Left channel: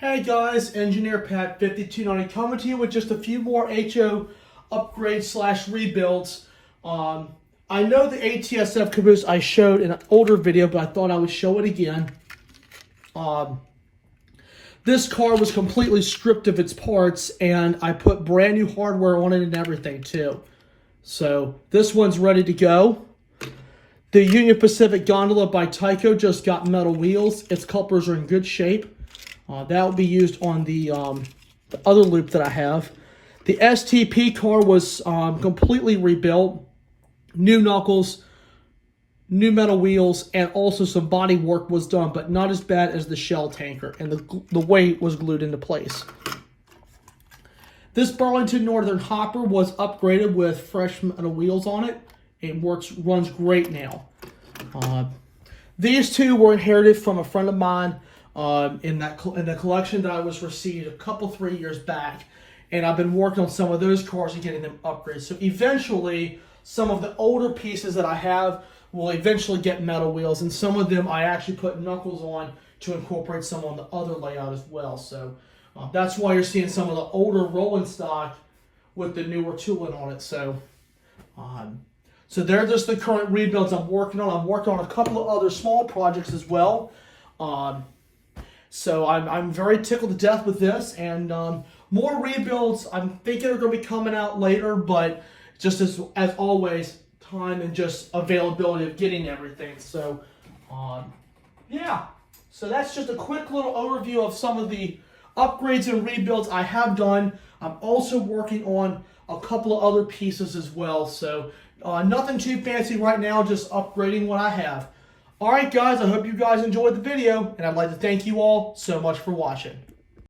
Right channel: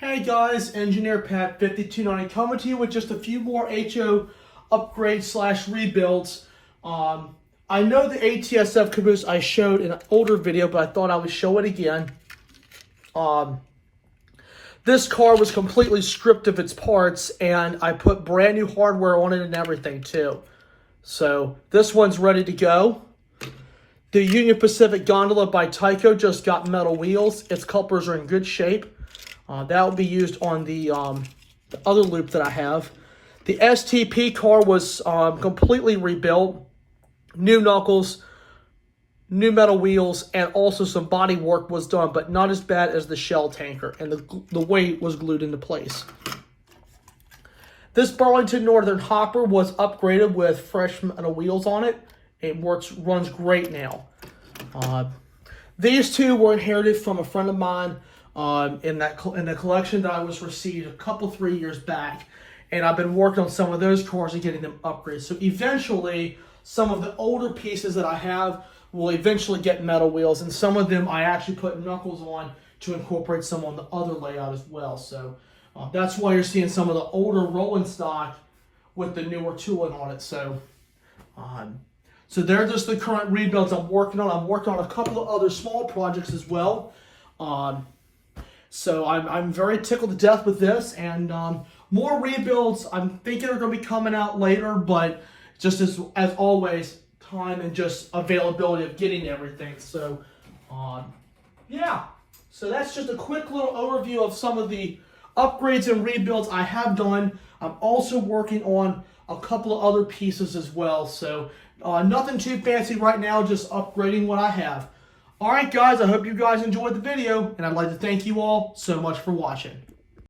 Hey guys, Engineer Pat 5290 coming to you with just a few more HO upgrades slash rebuilds. I know the ATSF caboose I showed in an older video, but I thought I would show it again. This car was completely stripped of its parts, and I put brand new hardware on it and everything too. So this one's ready to go. The Union Pacific gondola by Tyco just got metal wheels. Its couplers are in good shape. That will be used on the other loop that I have. The STP car was completely rebuilt. New knuckles, new metal wheels, and also some body work was done, but not as bad as the shell tanker, and the weight was glued into place. This Burlington Northern hopper was upgraded with fresh metal wheels on it. It runs great now. These two were inherited from a friend of mine in the collection that I was received a couple, 3 years back, and I've been working on some of those cars and getting them upgraded. So eventually, some of the older pieces that I have will eventually get metal wheels, and some of them I actually put knuckles on to incorporate some on the other layout as well. So that's why you're seeing some of the older rolling stock with the newer tooling on it. So they're just the current rebuilds I'm working on. I'm working on a couple of other small projects as well. So I'm very tickled to death with this, and more rebuilds I'm thinking are going to be coming out later, but just as always, time and just availability of getting everything. So yeah, so that's just a quick little overview of some of the upgrades and rebuilds I have done. I'm also working on a couple of other pieces as well, so nothing too fancy right now, just upgrading what I have. Alright guys, I hope you guys enjoyed the video, and I'd like to thank you all so much for watching.